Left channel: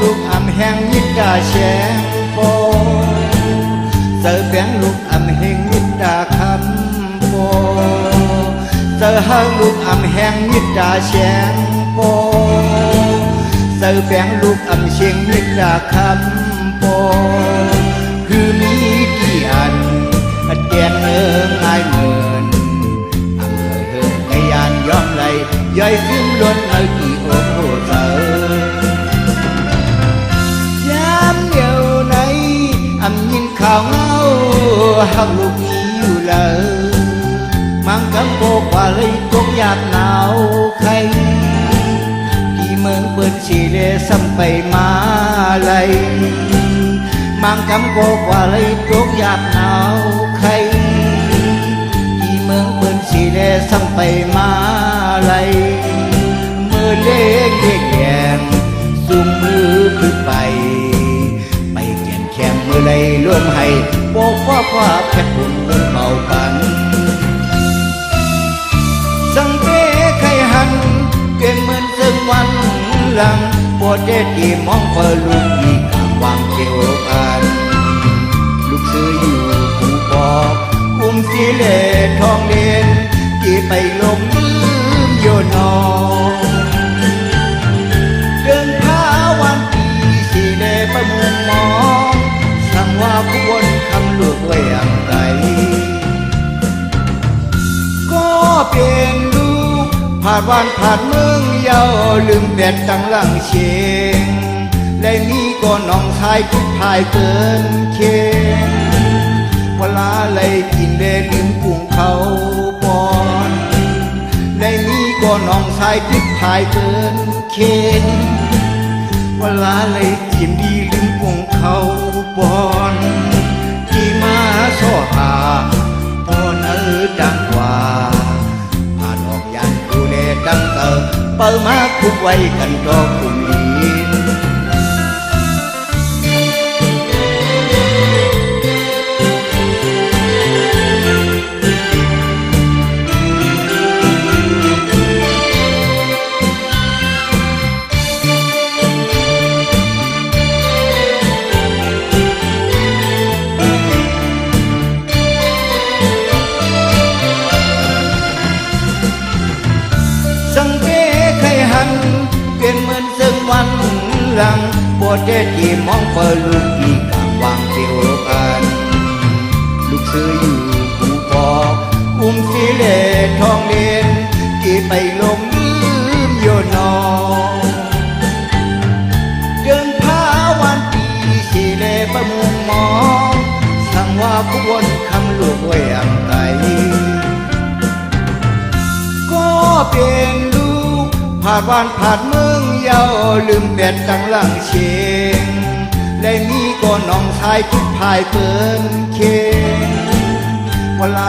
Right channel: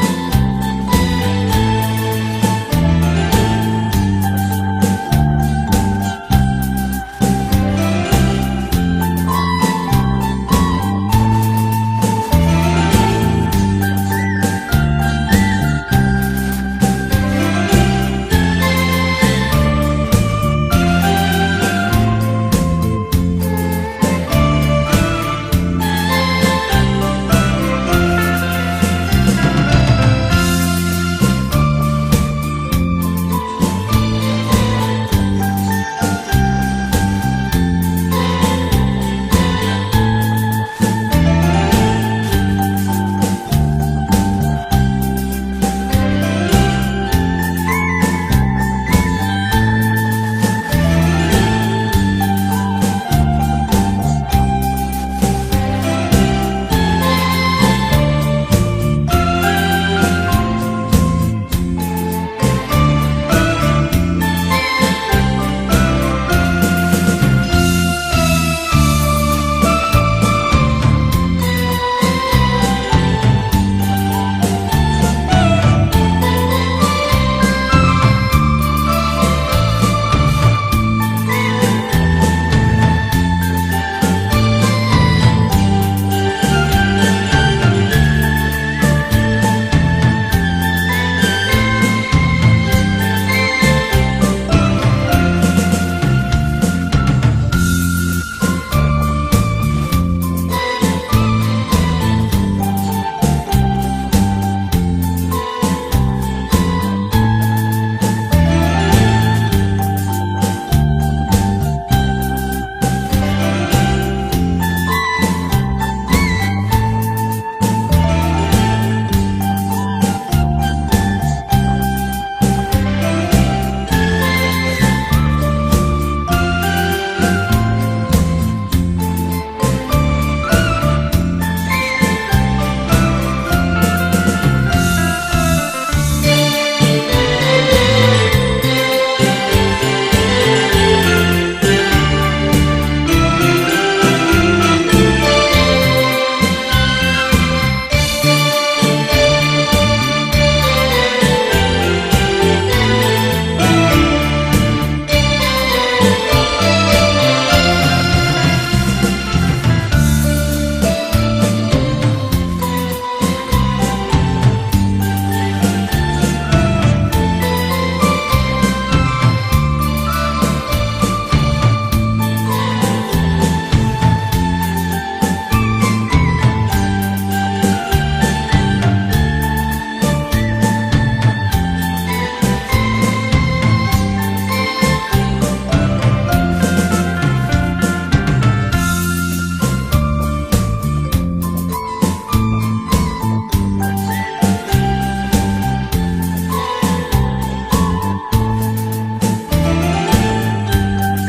ลูกอำแห่งยิดาแชงโปเจอเป็นลูกอำแห่งยิดาคำโปเจอหาลูกอำแห่งยิดาแชงโปเจอเป็นลูกอำเชียงยิดาคำโปคือมีกี่อันมันแก่เอิงอายเหมือนพยานย้อมไหลย่อยสิ้นล้วนอันมีโอ้โหเธอยามเดียวในอำยินเขาหักลูกนี้อยู่เลยมังคับโบกว่าเลยคงอยากหนาวใครที่เมืองเปิดชีเดซ้ำไปมาเลยมังคับโบกว่าเลยคงอยากหนาวใครที่เมืองเปิดชีเดซ้ำไปมาเลยมือเล็กเด็กแก่สูงมือขึ้นไปไปเขียนแขนอยู่ในร่วมให้โบกว่าเพชรบุญเบาตันสังเกตใครหันเป็นเหมือนเส้นวันหลังปวดเด็ดที่มองเปิดลุงวางเกี่ยวกันลูกซื้ออยู่ผู้บอกอุ้มสีเลทองเด่นที่ไปลงโยนอเดินท้าวันที่สีเลประเมินมองสั่งว่าควรทำลูกไว้อย่างไรก็เป็นลูกผ่านวันผ่านเมืองเยาลืมแดดจังหลังเชงได้มีก็น้องชายคิดพายเกินเคียงเวลาเลยกินเด่นกุ้งเขาปอนได้มีก็น้องชายคิดพายเกินเคียงเวลาเลยกินดีลิ้มกุ้งเขาปอนที่มาสอดตาตอนนั้นดังกว่าผ่านออกยันดูเนดังเติมเปิดมาคุกไว้กันก็คุณสังเกตใครหันเป็นเหมือนเส้นวันหลังปวดเด็ดที่มองเปิดลุงวางเกี่ยวกันลูกซื้ออยู่ผู้บอกอุ้มสีเลทองเด่นที่ไปลงโยนอเดินท้าวันที่สีเลประเมินมองสั่งว่าควรทำลูกไว้อย่างไรก็เป็นลูกผ่านวันผ่านเมืองเยาลืมแดดจังหลังเชงได้มีก็น้องชายคิดพายเกินเคียงเวลา